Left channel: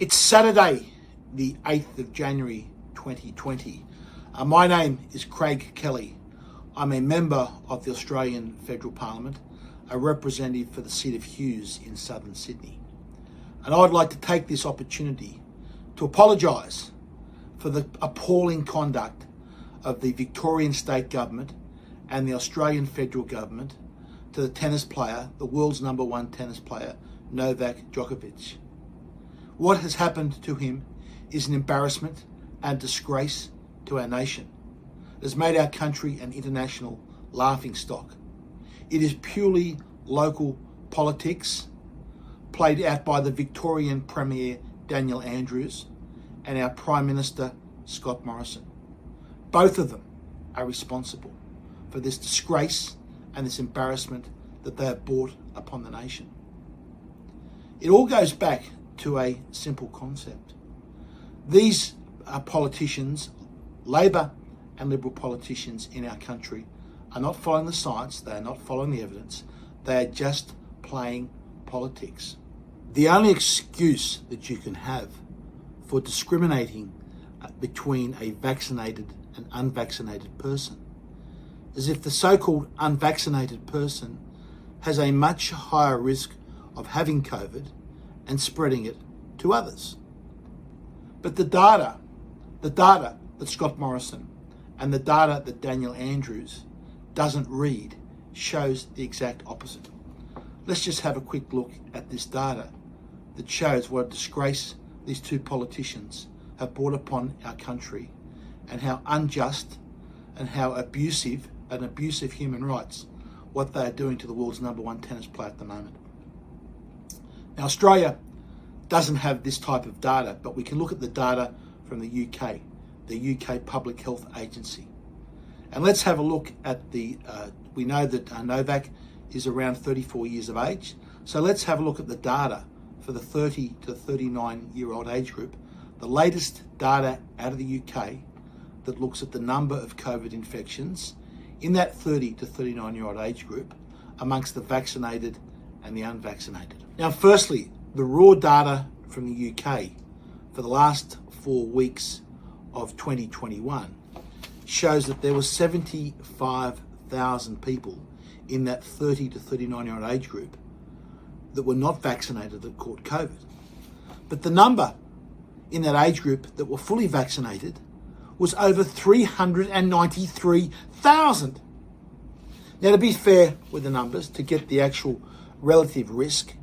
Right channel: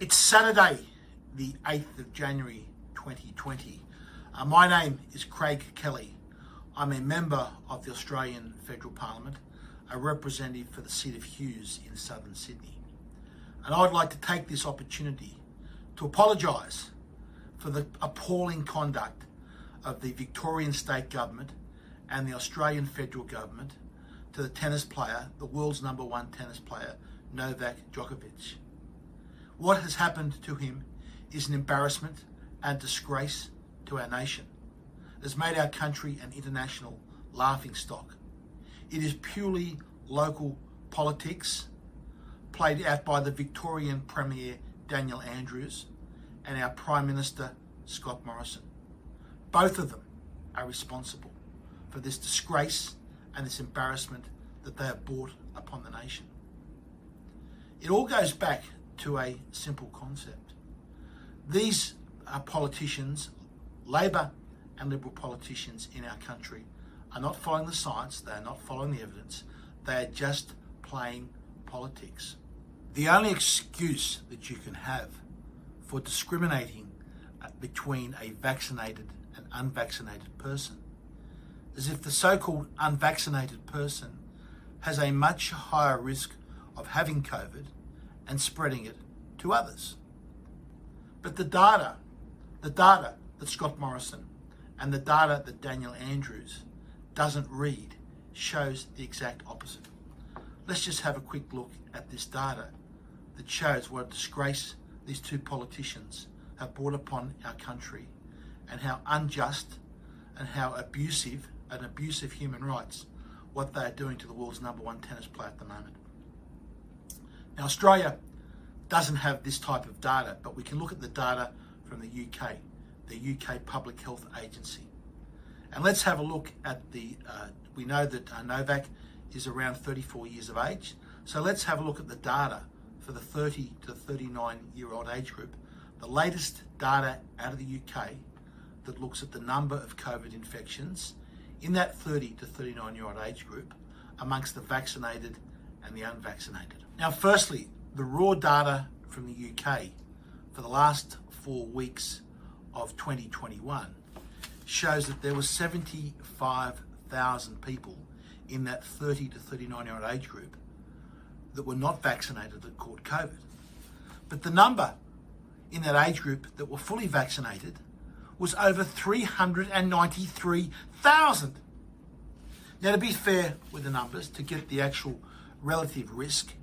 It's Saturday, the 8th of January 2020. My name is Krejg Keli. I'm a member of the Australian Federal Parliament, a representative for the seat of Hughes in southern Sydney. And I'd like to take this opportunity to apologise for the appalling conduct of the Victorian State Government and the Australian Federal Government to the tennis player, the world's #1 tennis player, Novaku Đokoviću. What has happened to him is an embarrassment and disgrace to our nation. It has made our country an international laughingstock. It is purely local politics played out by the Victorian Premier Danije Endrjuza and our Prime Minister Scott Morrison. Both of them are responsible for this disgrace and this embarrassment that they have brought upon the nation. It all goes back to a simple concept. These politicians, Labor and Liberal politicians in our country, are not following the science, they are not following the evidence, they are just playing politics. The only excuse that you can have for discriminating between a vaccinated and unvaccinated person is if the so-called unvaccinated person has a much higher risk of having COVID and spreading it to others. But the data that Scott Morrison and the data that Danije Endrjuza doesn't read shows the exact opposite. Let's just have a quick look at this data that shows what a disgrace these two politicians have brought upon our country and how unjust and how abusive human rights what they are doing to the world's #1 tennis player at the moment. Now, Australia doesn't have this type of data, but we can look at the data from the UK, the UK Public Health Agency. And let's have a look at we know that Novak is around 34 years of age. So let's have a look at the data for the 30 to 39-year-old age group. The latest data out of the UK that looks at the number of COVID infections in that 30 to 39-year-old age group amongst the vaccinated and the unvaccinated. Now, firstly, the raw data from the UK for the last 4 weeks of 2021 shows that there were 75,000 people in that 30 to 39-year-old age group that were not vaccinated that caught COVID. But the number in that age group that were fully vaccinated was over 393,000. Now, to be fair with the numbers, to get the actual relative risk,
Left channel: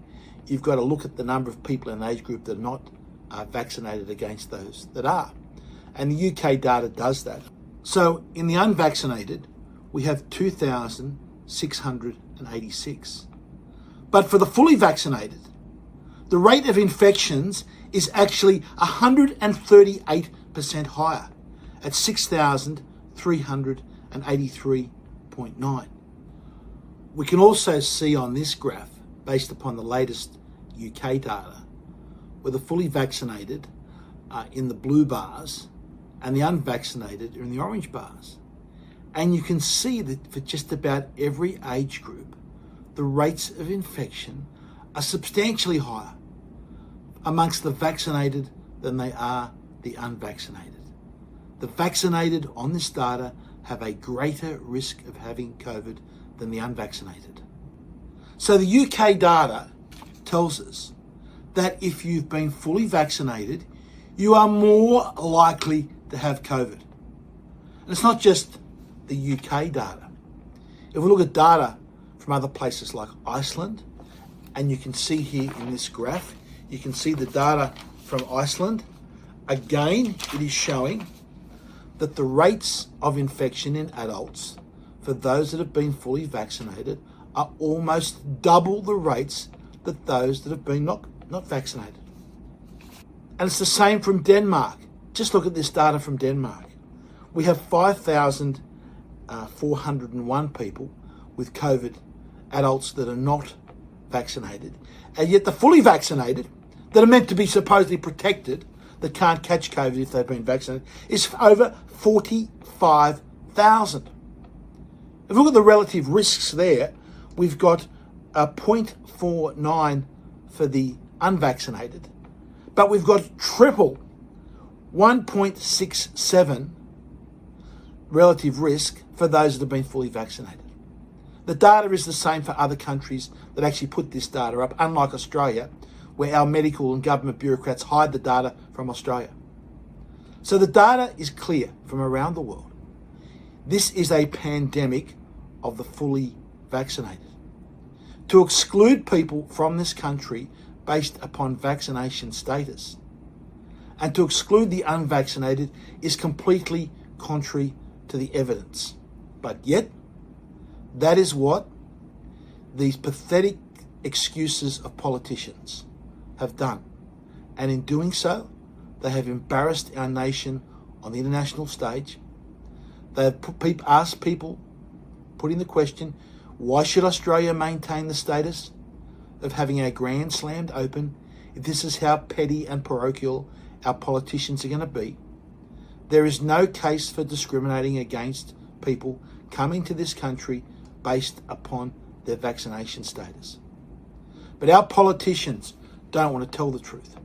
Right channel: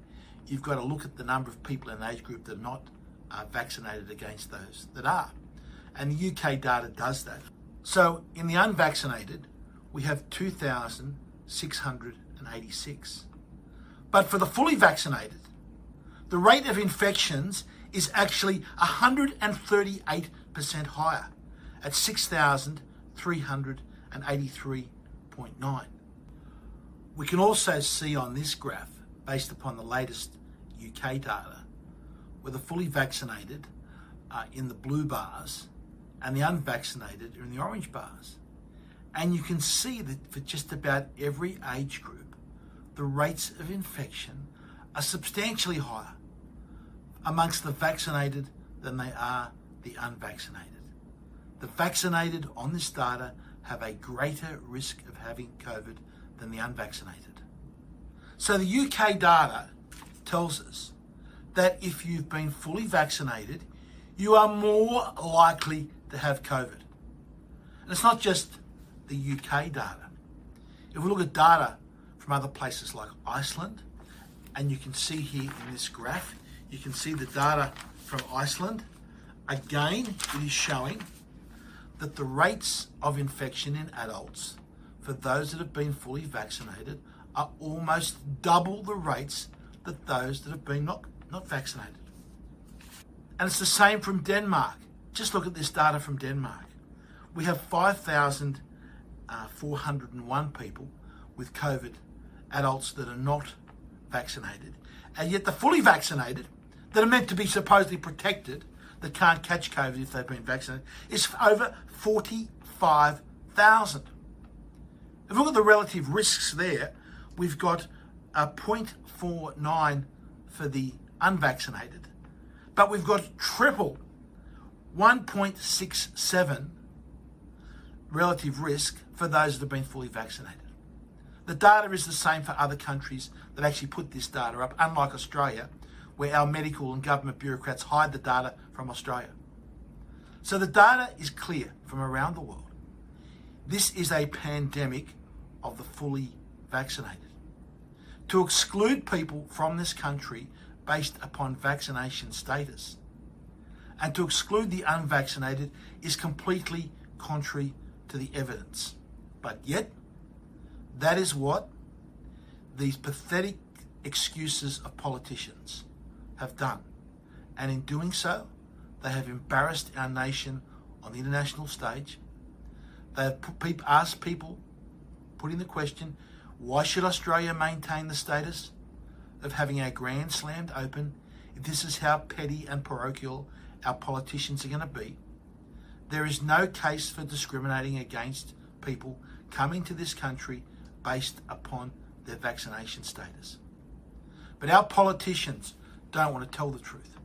you've got to look at the number of people in an age group that are not vaccinated against those that are. And the UK data does that. So in the unvaccinated, we have 2,686. But for the fully vaccinated, the rate of infections is actually 138% higher at 6,383.9. We can also see on this graph, based upon the latest UK data, where the fully vaccinated are in the blue bars and the unvaccinated are in the orange bars. And you can see that for just about every age group, the rates of infection are substantially higher amongst the vaccinated than they are the unvaccinated. The vaccinated on this data have a greater risk of having COVID than the unvaccinated. So the UK data tells us that if you've been fully vaccinated, you are more likely to have COVID. And it's not just the UK data. If we look at data from other places like Iceland, and you can see here in this graph, you can see the data from Iceland. Again, it is showing that the rates of infection in adults for those that have been fully vaccinated are almost double the rates that those that have been not vaccinated. And it's the same from Denmark. Just look at this data from Denmark. We have 5,401 people with COVID, adults that are not vaccinated. And yet the fully vaccinated, that are meant to be supposedly protected, that can't catch COVID if they've been vaccinated, is over 45,000. If we look at the relative risks there, we've got a 0.49 for the unvaccinated, But we've got triple 1.67 relative risk for those that have been fully vaccinated. The data is the same for other countries that actually put this data up, unlike Australia, where our medical and government bureaucrats hide the data from Australia. So the data is clear from around the world. This is a pandemic of the fully vaccinated. To exclude people from this country based upon vaccination status and to exclude the unvaccinated is completely contrary to the evidence. But yet, that is what these pathetic excuses of politicians have done. And in doing so, they have embarrassed our nation on the international stage. They have asked people, putting the question, why should Australia maintain the status of having our Grand Slammed open if this is how petty and parochial our politicians are going to be? There is no case for discriminating against people coming to this country based upon their vaccination status. But our politicians don't want to tell the truth.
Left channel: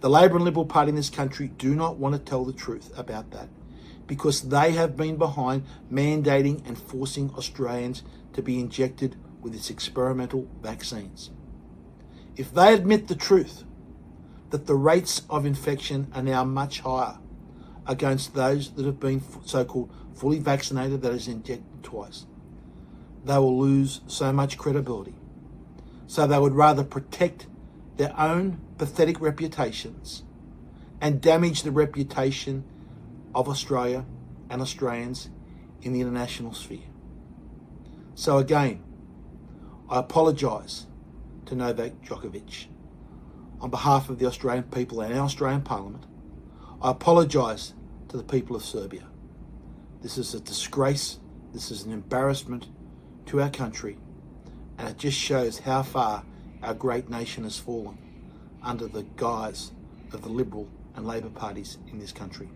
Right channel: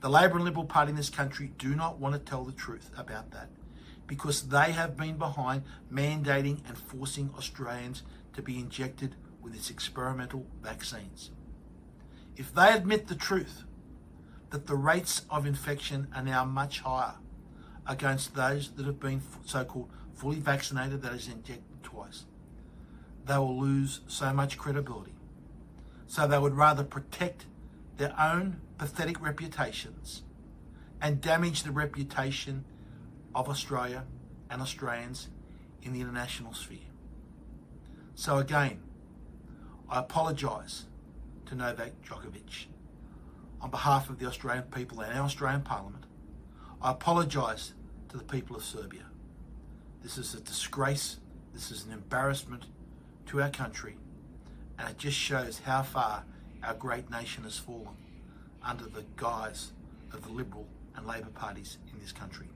The Labor and Liberal Party in this country do not want to tell the truth about that because they have been behind mandating and forcing Australians to be injected with its experimental vaccines. If they admit the truth, that the rates of infection are now much higher against those that have been so-called fully vaccinated, that is injected twice, they will lose so much credibility. So they would rather protect their own pathetic reputations and damage the reputation of Australia and Australians in the international sphere. So again, I apologise to Novaku Đokoviću on behalf of the Australian people and our Australian Parliament. I apologise to the people of Serbia. This is a disgrace, this is an embarrassment to our country, and it just shows how far our great nation has fallen under the guise of the Liberal and Labor parties in this country.